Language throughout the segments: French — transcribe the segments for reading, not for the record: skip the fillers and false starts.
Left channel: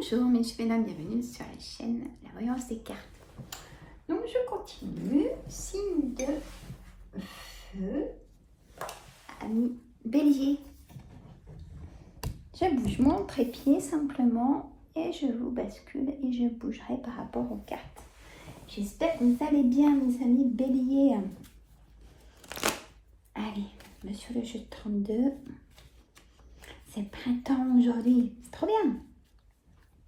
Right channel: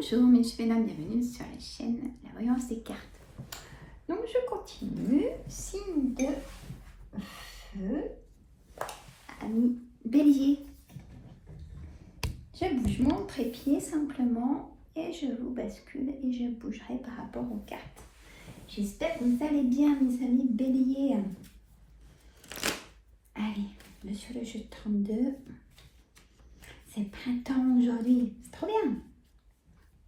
Bonjour mes chers, bienvenue sur la chaîne La Voyance des Cartes. Donc je continue, signe de feu, ami Bélier. Je bouge mon trépied simplement et je vous bascule et je bougerai par rapport aux cartes. J'espère que vous allez bien mes amis Bélier. Allez, monsieur le jeu 32, c'est printemps aujourd'hui, c'est trop bien.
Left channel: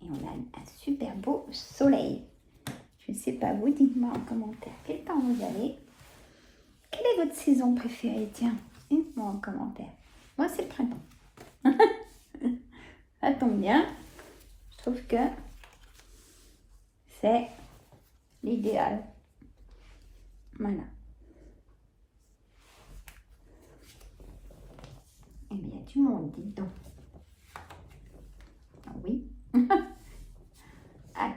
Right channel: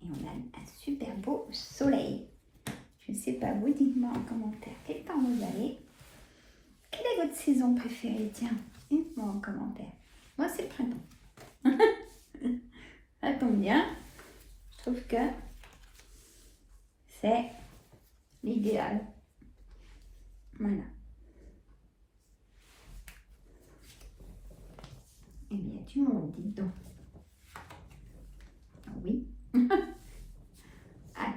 Et on a un super beau soleil. Je ne sais pas vous, dites-moi en commentaire quel temps vous avez. Quelle est votre saison préférée? Tiens, dites-moi en commentaire. Moi, c'est le printemps. Ça tombe bien. Je trouve que c'est l'idéal. Voilà. Eh bien, du monde, dites donc. Ah oui. Alors,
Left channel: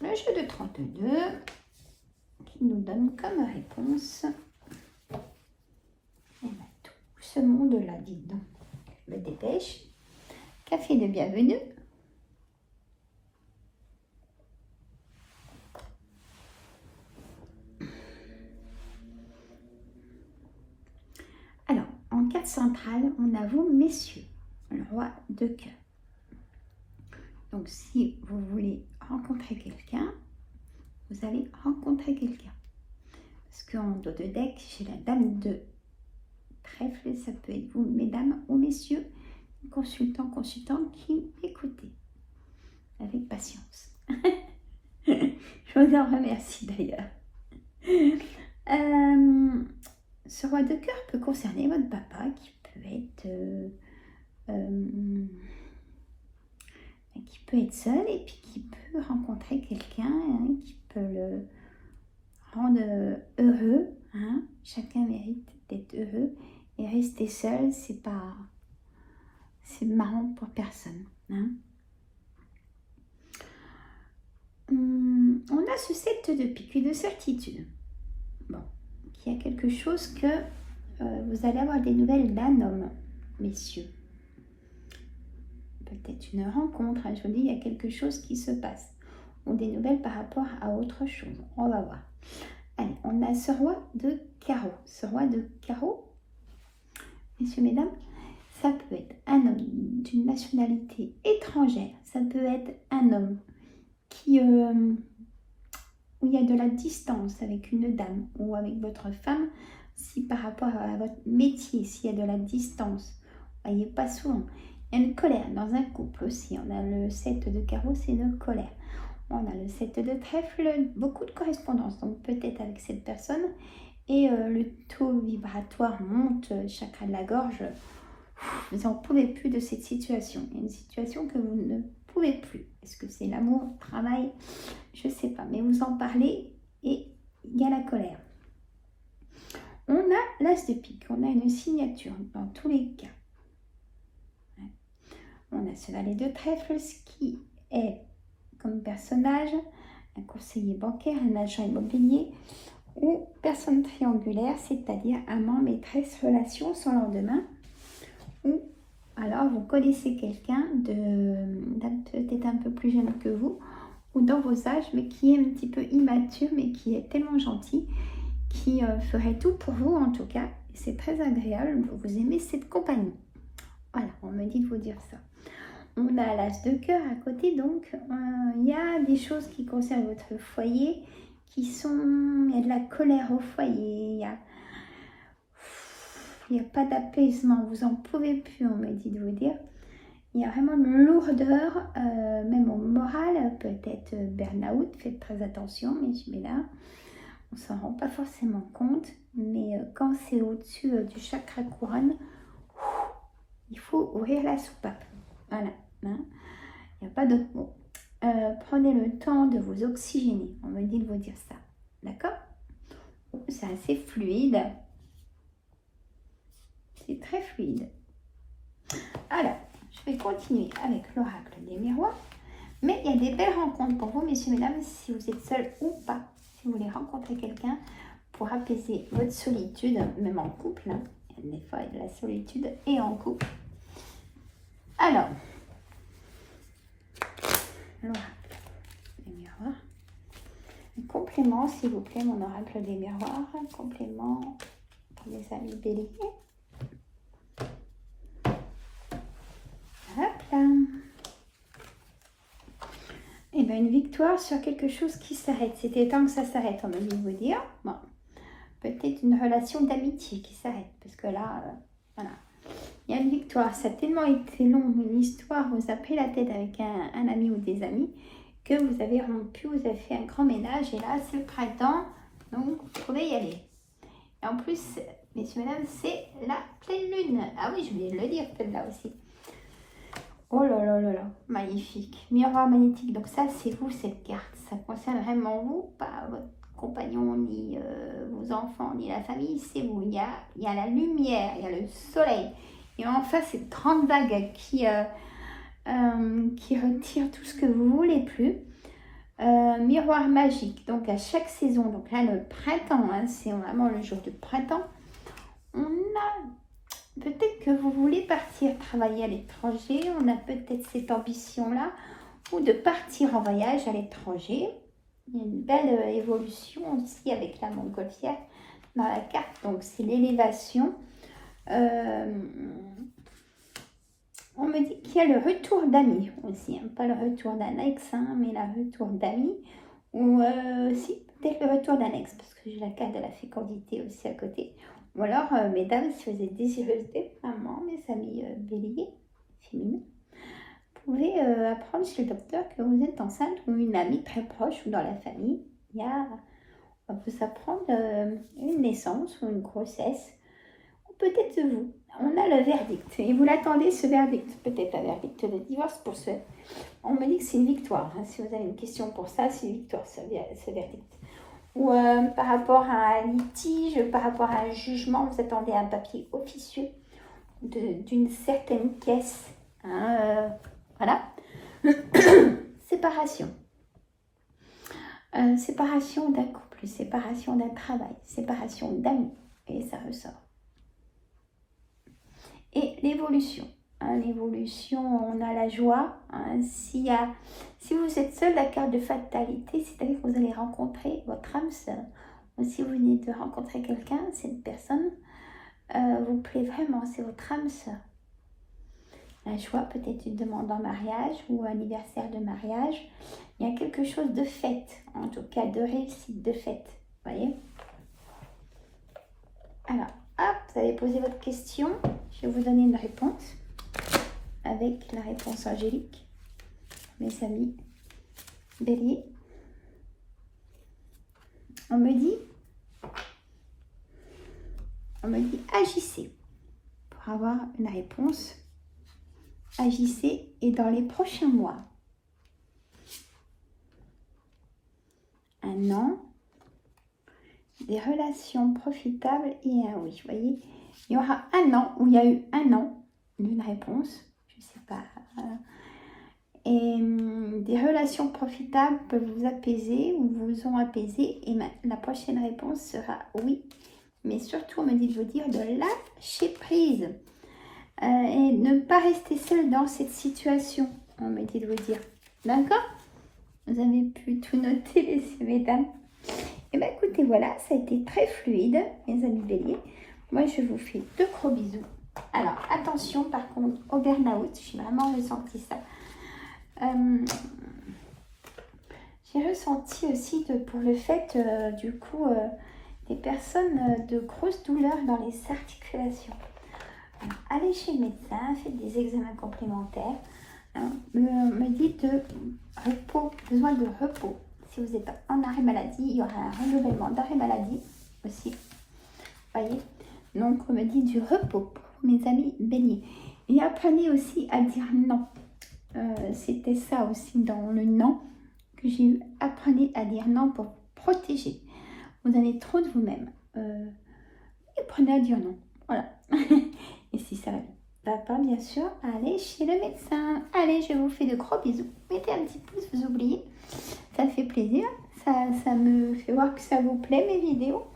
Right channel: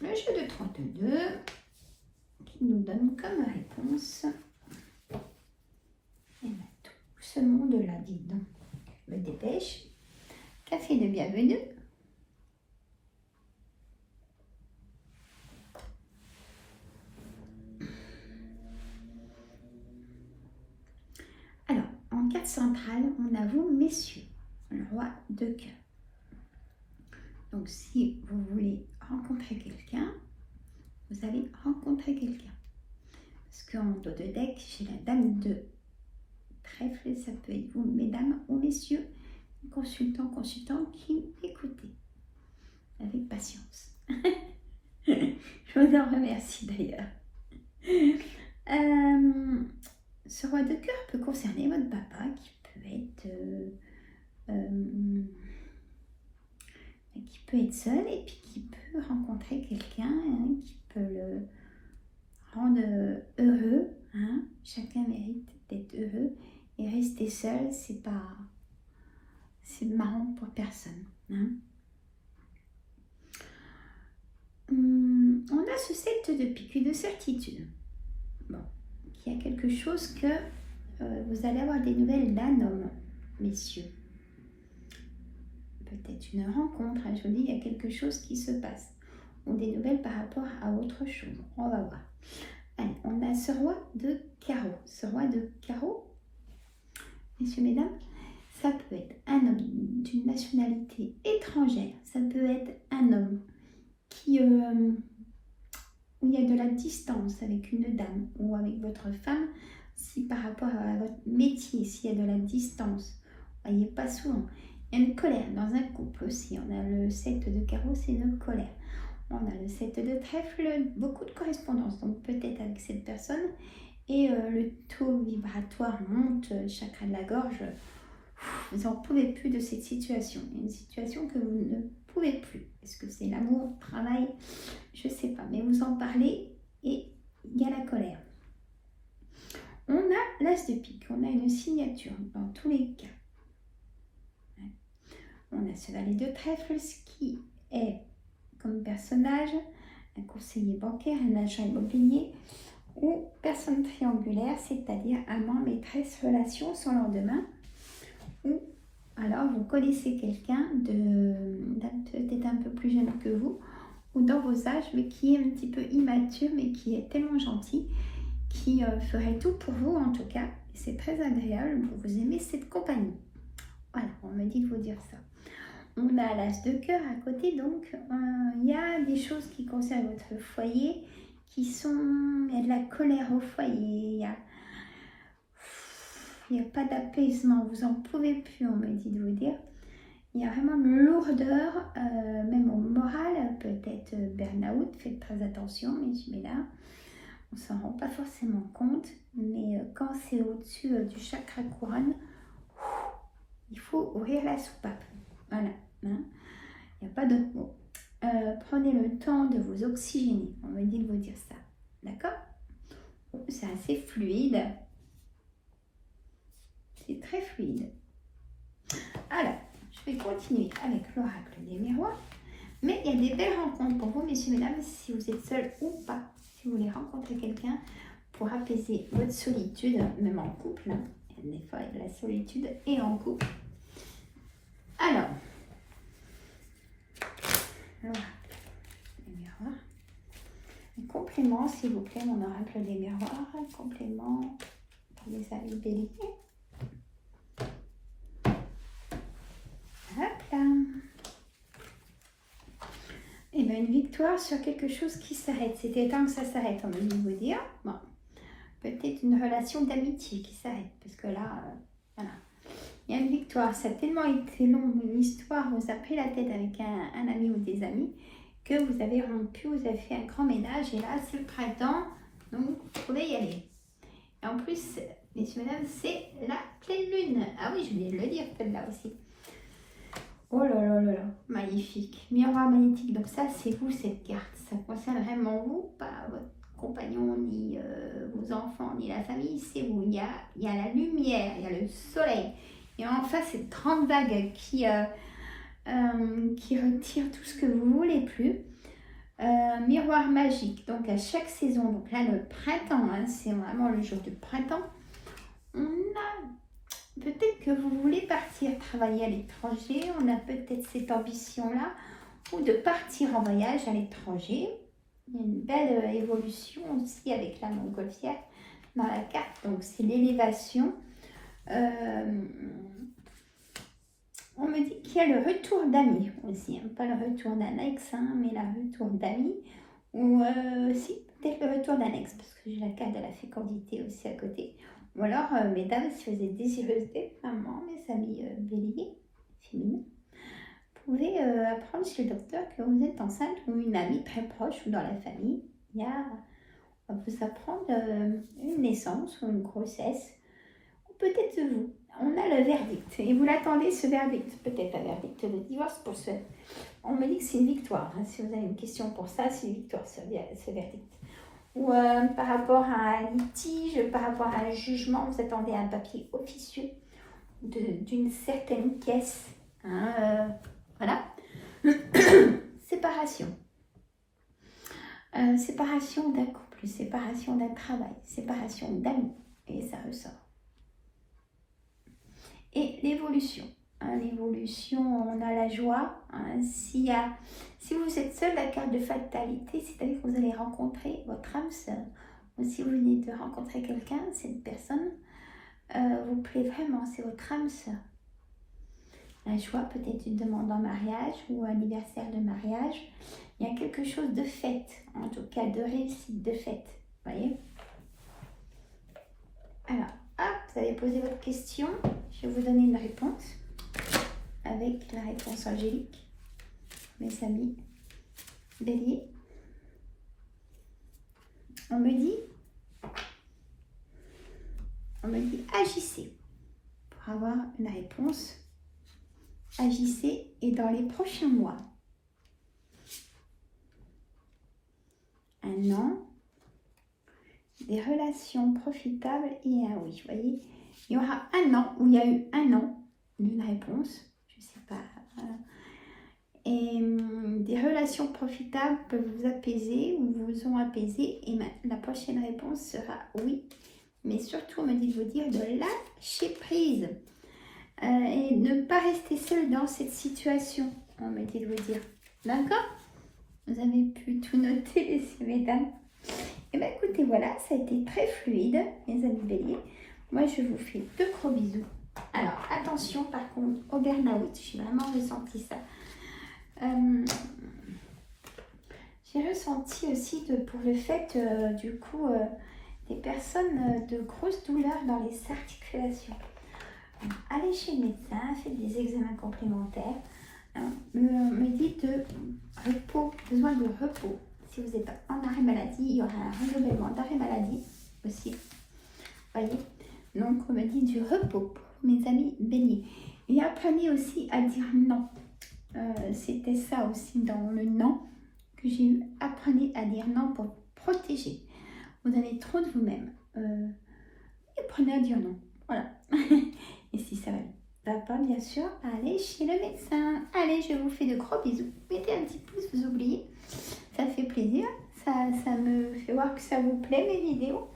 le jeu de 32 qui nous donne comme réponse tout ce monde-là, dites donc. Je me dépêche. Café de bienvenue. Alors, en carte centrale, on a vous, messieurs, le roi de cœur. Donc, si vous voulez rencontrer quelqu'un, vous allez rencontrer quelqu'un. Parce qu'en dos de deck, j'ai la dame de trèfle, ça peut être vous, mesdames ou messieurs, consultants qui écoutez avec patience. Je vous en remercie d'ailleurs. Ce roi de cœur peut concerner votre papa qui peut être seul et puis qui peut rencontrer quelqu'un qui peut le rendre heureux. Chacun mérite d'être heureux et rester seul, c'est marrant pour personne. On a ce 7 de pique, une certitude. Bon, qu'il y a quelque chose que vous allez avoir des nouvelles d'un homme, messieurs. Peut-être une rencontre, je vous dis, il y a quelque chose qui se passe. Ou des nouvelles par rapport à autre chose. On va voir. Allez, on a ce roi de carreau. Ce roi de carreau, messieurs, mesdames, ça peut être un homme d'une nationalité étrangère. Ça peut être un homme qui, où il y a de la distance avec une dame ou avec votre femme. Si par rapport à votre métier, s'il y a de la distance, voyez pas souvent. Il y a une colère dans un couple aussi. On a le 7 de carreau, c'est une colère. On a le 7 de trèfle, beaucoup de correspondance, donc peut-être avec cette personne. Et le taux vibratoire monte, chakra de la gorge. Vous n'en pouvez plus de cette situation. Il y a une situation que vous ne pouvez plus. Est-ce que c'est l'amour, le travail? Je ne sais pas, mais vous en parlez et il y a la colère. On a l'as de pique, on a une signature dans tous les cas. On a ce valet de trèfle, ce qui est comme personnage un conseiller bancaire, un agent immobilier ou personne triangulaire, c'est-à-dire amant, maîtresse, relation sans lendemain. Ou alors vous connaissez quelqu'un peut-être un peu plus jeune que vous ou dans vos âges, mais qui est un petit peu immature, mais qui est tellement gentil, qui ferait tout pour vous en tout cas. C'est très agréable, vous aimez cette compagnie. Voilà, on me dit de vous dire ça. On a l'as de cœur à côté, donc il y a des choses qui concernent votre foyer, il y a de la colère au foyer, il n'y a pas d'apaisement, vous en pouvez plus, on me dit de vous dire. Il y a vraiment une lourdeur, même au moral, peut-être burn-out, faites très attention, mais là, on ne s'en rend pas forcément compte, mais quand c'est au-dessus du chakra couronne, il faut ouvrir la soupape. Voilà, il n'y a pas d'autre mot. Prenez le temps de vous oxygéner, on me dit de vous dire ça, d'accord? C'est assez fluide, c'est très fluide. Alors, je vais continuer avec l'oracle des miroirs, mais il y a des belles rencontres pour vous, messieurs, mesdames, si vous êtes seul ou pas, si vous voulez rencontrer quelqu'un pour apaiser votre solitude, même en couple, des fois il y a de la solitude et en couple. Alors, complément, s'il vous plaît, mon oracle des miroirs. Un complément pour les amis béliers. Hop là. Et bien, une victoire sur quelque chose qui s'arrête. C'était temps que ça s'arrête, on va vous dire. Bon. Peut-être une relation d'amitié qui s'arrête. Parce que là, voilà. Il y a une victoire. Ça a tellement été long, une histoire, vous avez pris la tête avec un ami ou des amis, que vous avez rompu, vous avez fait un grand ménage. Et là, c'est le printemps. Donc, vous pouvez y aller. Et en plus, messieurs, mesdames, c'est la pleine lune. Ah oui, je voulais le dire, celle-là aussi. Oh là là là là, magnifique. Miroir magnétique, donc ça c'est vous cette carte. Ça concerne vraiment vous, pas votre compagnon, ni vos enfants, ni la famille, c'est vous. Il y a la lumière, il y a le soleil. Et en face, cette grande vague qui retire tout ce que vous voulez plus. Miroir magique, donc à chaque saison, donc là le printemps, hein, c'est vraiment le jour du printemps. On a peut-être que vous voulez partir travailler à l'étranger, on a peut-être cette ambition-là, ou de partir en voyage à l'étranger. Il y a une belle évolution aussi avec la montgolfière dans la carte, donc c'est l'élévation. On me dit qu'il y a le retour d'amis aussi, hein, pas le retour d'un ex, hein, mais le retour d'amis, ou si, peut-être le retour d'un ex, parce que j'ai la carte de la fécondité aussi à côté. Ou alors, mesdames, si vous êtes désireuses d'être maman, mes amis béliers, féminins, vous pouvez apprendre chez le docteur que vous êtes enceinte ou une amie très proche ou dans la famille. On va vous apprendre une naissance ou une grossesse, ou peut-être vous. On a le verdict et vous l'attendez, ce verdict, peut-être un verdict de divorce pour ce. On me dit que c'est une victoire. Hein. Si vous avez une question pour ça, c'est une victoire, ce verdict. Ou par rapport à un litige, par rapport à un jugement, vous attendez un papier officieux d'une certaine caisse. Hein, voilà. Séparation. Séparation d'un couple, séparation d'un travail, séparation d'amis. Et ça ressort. Et l'évolution. Hein, l'évolution, on a la joie. Hein, si vous êtes seul, la carte de fatalité, c'est-à-dire que vous allez rencontrer votre âme sœur. Ou si vous venez de rencontrer quelqu'un, cette personne vous plaît vraiment, c'est votre âme sœur. La joie, peut-être une demande en mariage ou un anniversaire de mariage. Il y a quelque chose de fête, en tout cas de réussite, de fête. Vous voyez? Alors, hop, vous allez poser votre question. Je vais vous donner une réponse avec la réponse angélique. Mes amis bélier. On me dit agissez pour avoir une réponse. Agissez et dans les prochains mois. Un an. Des relations profitables et un oui. Vous voyez, il y aura un an où il y a eu un an d'une réponse. Je ne sais pas. Et des relations profitables peuvent vous apaiser ou vous ont apaisé. Et la prochaine réponse sera oui. Mais surtout, on me dit de vous dire de lâcher prise. Et ne pas rester seul dans cette situation. On me dit de vous dire. D'accord? Vous avez pu tout noter, messieurs, mesdames. Et bien écoutez, voilà, ça a été très fluide, mes amis béliers. Moi, je vous fais de gros bisous. Alors, attention par contre au burn-out, j'ai vraiment ressenti ça. J'ai ressenti aussi pour le fait, du coup, des personnes de grosses douleurs dans les articulations. Alors, allez chez le médecin, faites des examens complémentaires. Hein, me dites de repos, besoin de repos. Si vous êtes en arrêt maladie, il y aura un renouvellement d'arrêt maladie aussi. Voyez, donc on me dit du repos pour mes amis béliers. Et apprenez aussi à dire non. C'était ça aussi dans le non que j'ai eu. Apprenez à dire non pour vous protéger. Vous avez trop de vous-même. Apprenez à dire non. Voilà. Et si ça va pas, bien sûr, allez chez le médecin. Allez, je vous fais de gros bisous. Mettez un petit pouce, vous oubliez. Ça fait plaisir. Ça me fait voir que ça vous plaît, mes vidéos.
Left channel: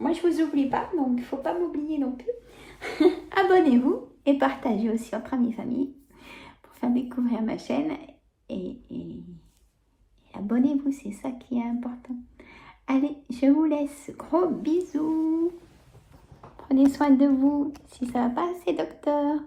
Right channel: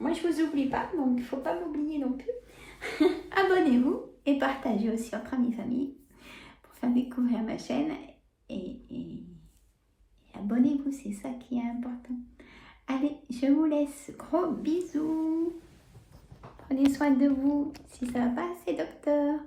Moi, je vous oublie pas, donc il ne faut pas m'oublier non plus. Abonnez-vous et partagez aussi entre amis et famille pour faire découvrir ma chaîne. Et abonnez-vous, c'est ça qui est important. Allez, je vous laisse. Gros bisous. Prenez soin de vous. Si ça va pas, c'est docteur.